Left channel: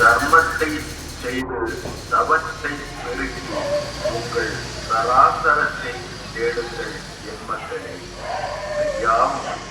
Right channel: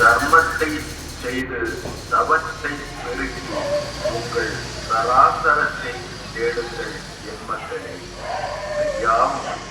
தர்மத்தை செய்து தவத்தை பெருகி உங்கள் சராசரத்தை தேடுங்கள் எம்மக்களை மக்களே.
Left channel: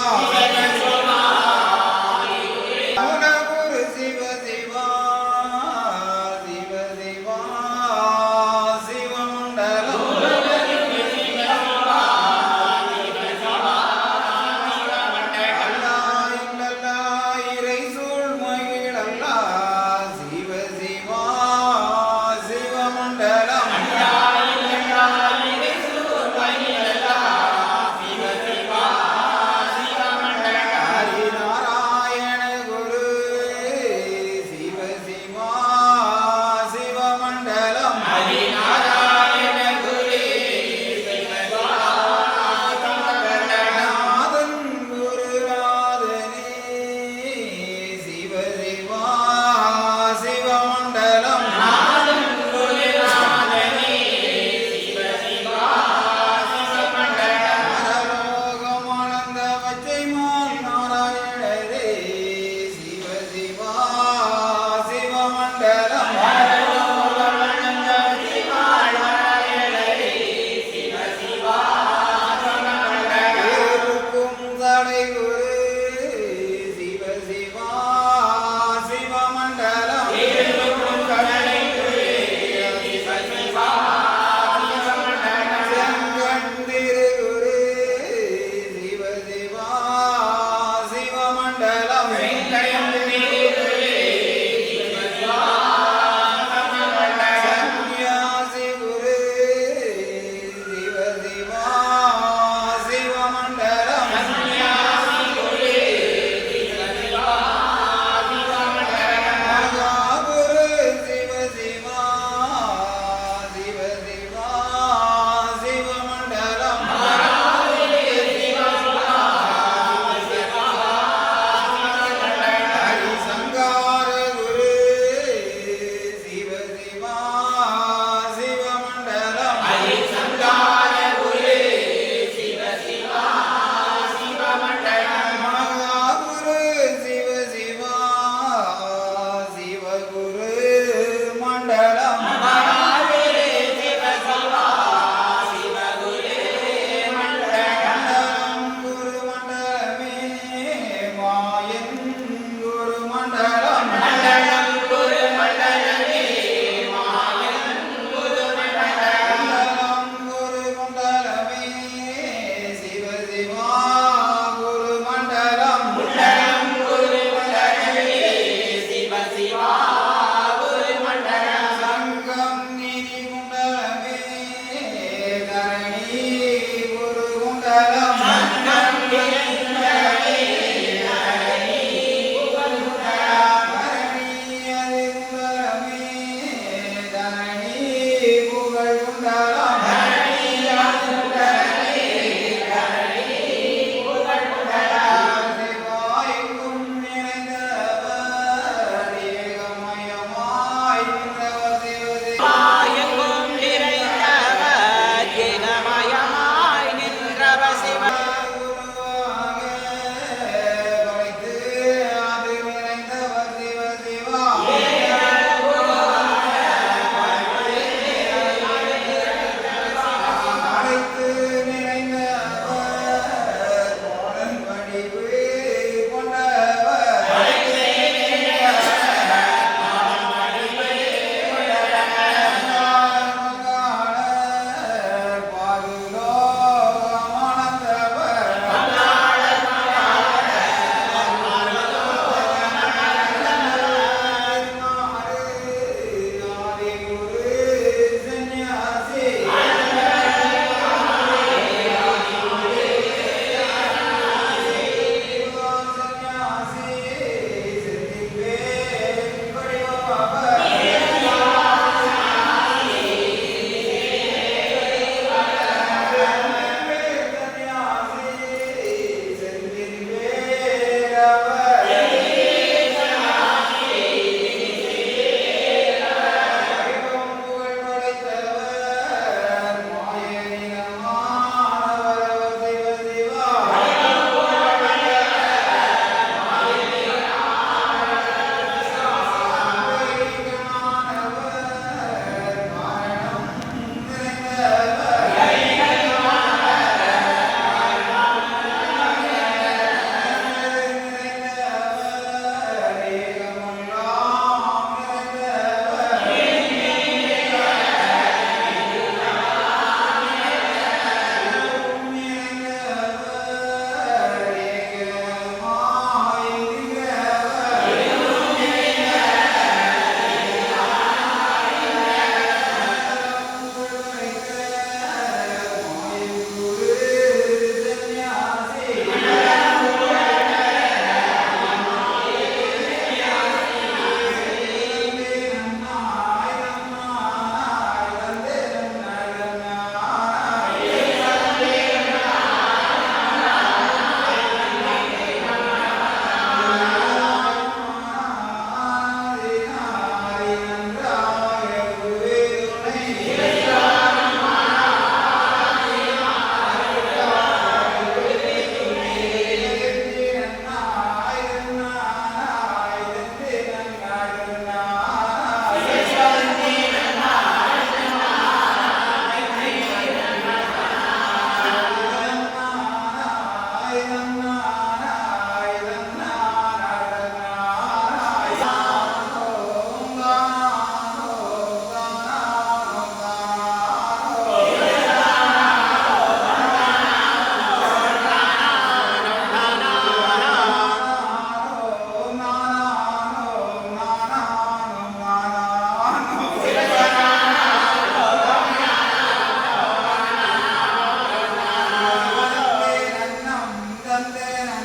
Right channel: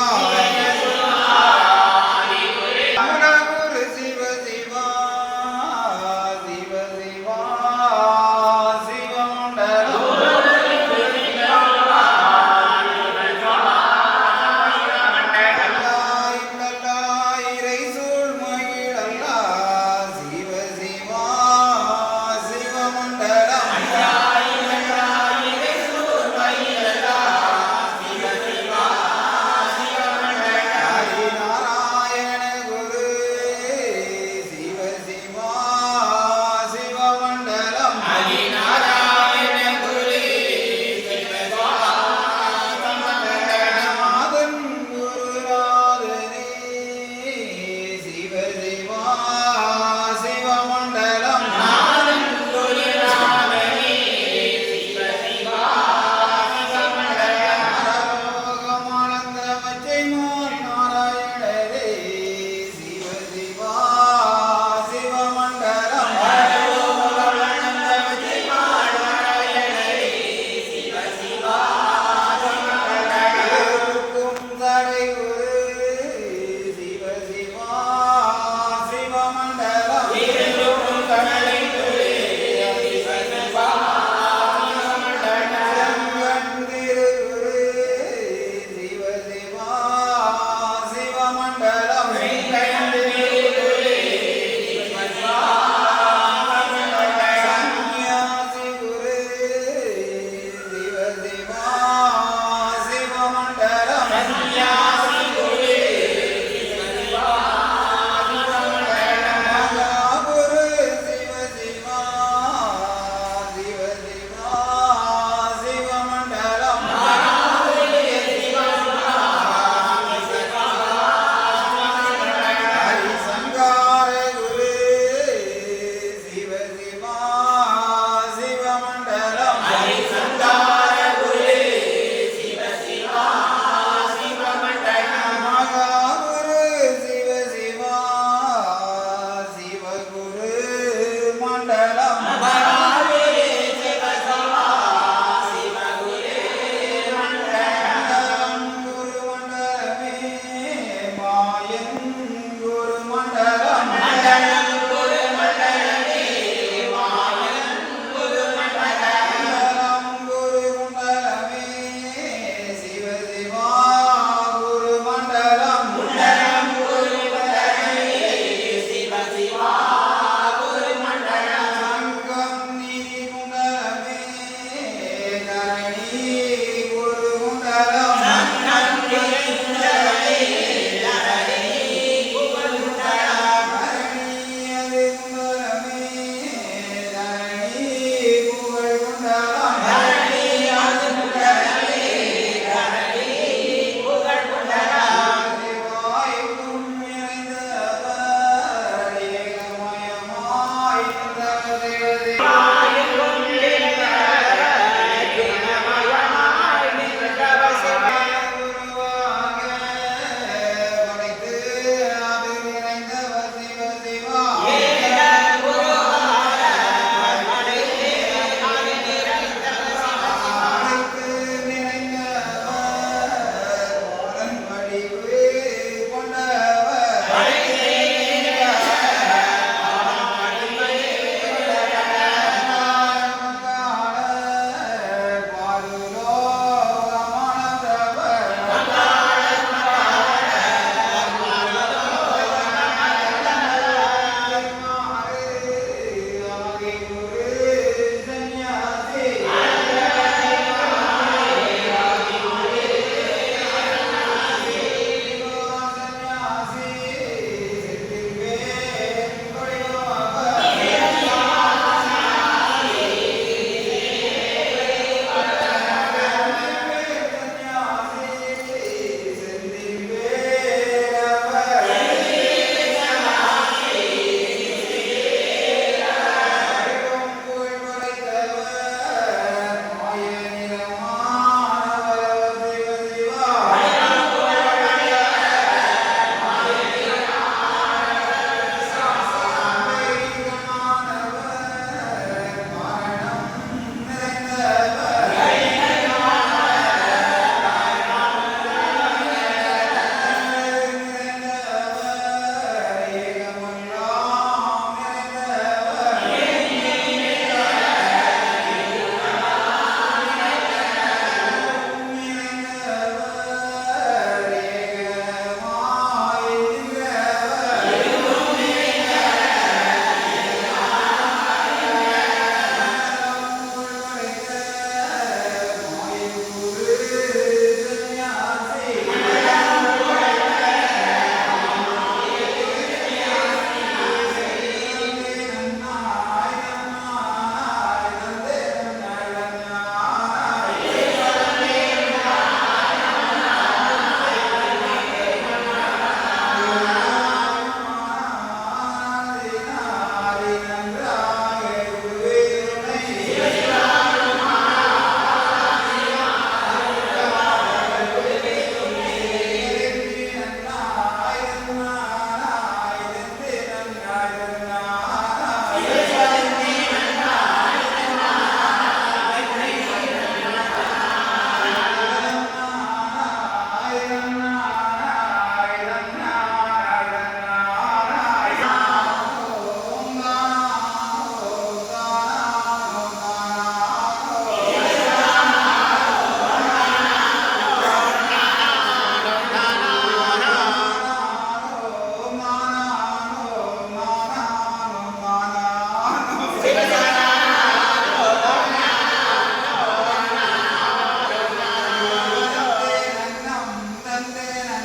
Wow. الإمام Nayana.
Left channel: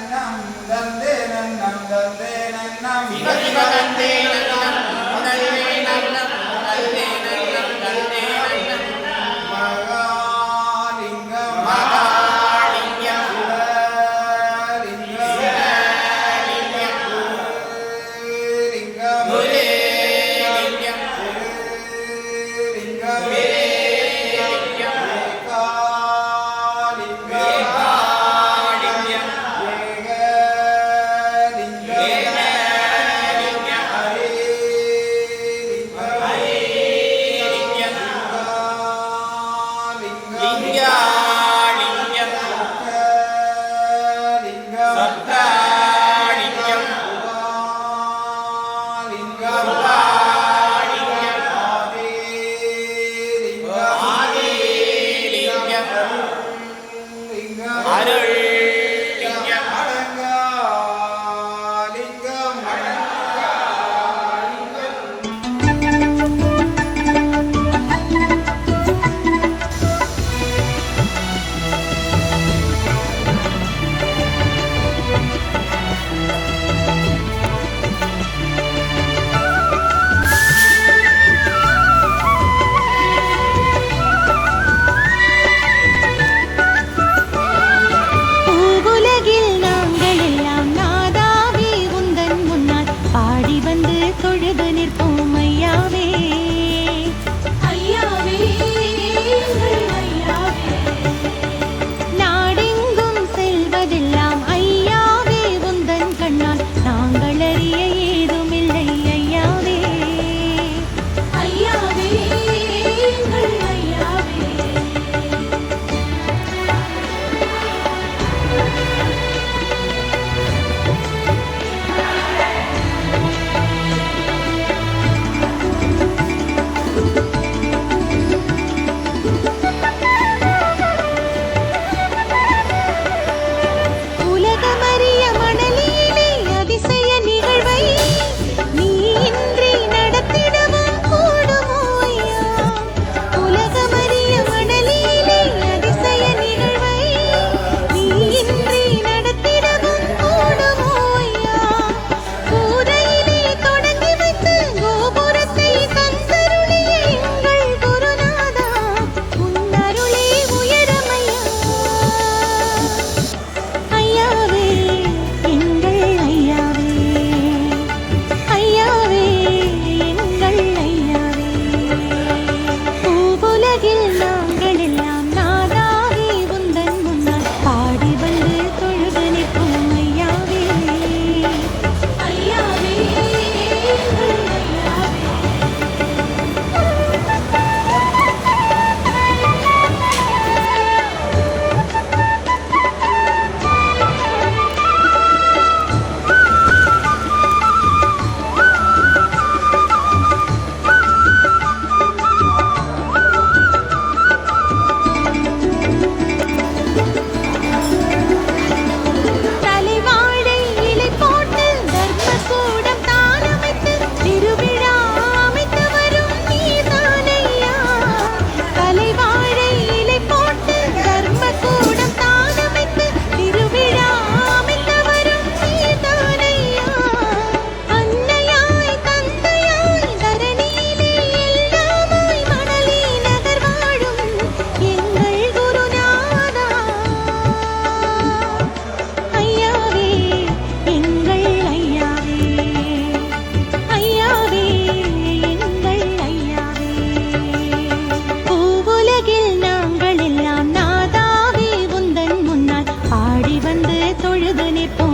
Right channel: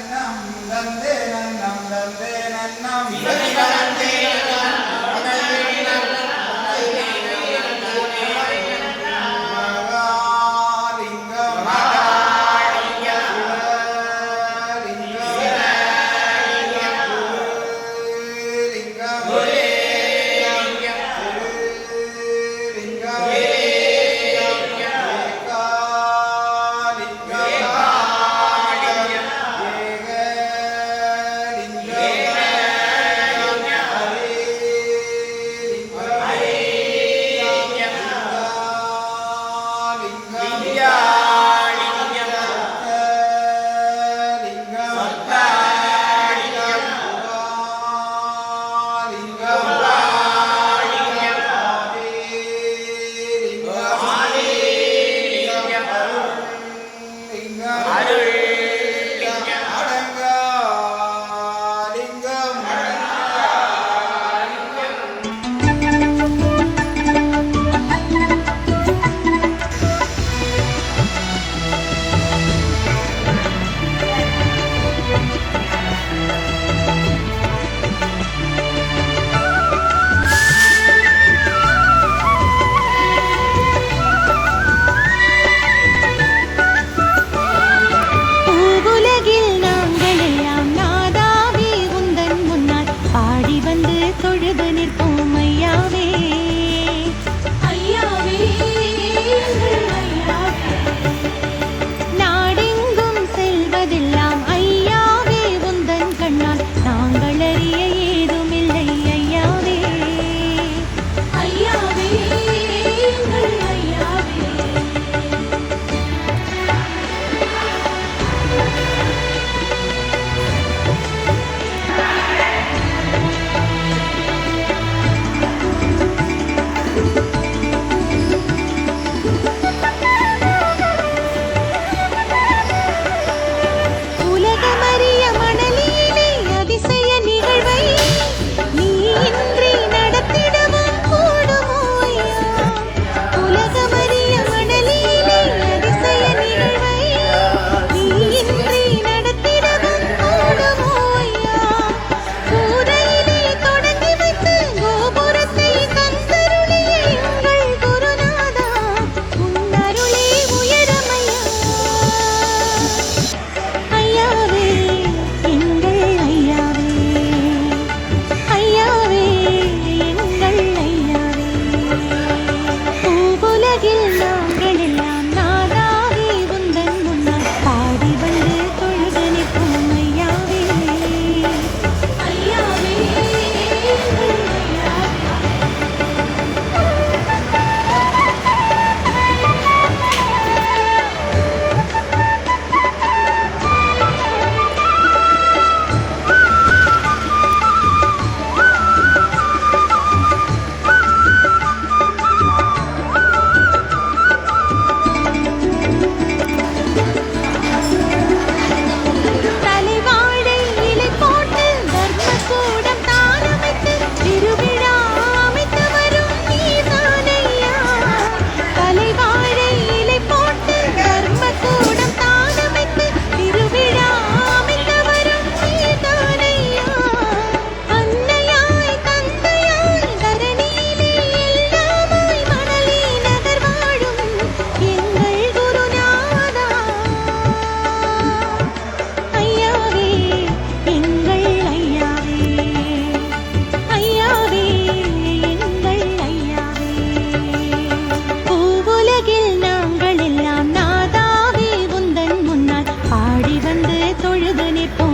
நம் தந்தே நம் தந்தே நம் நாங்கள்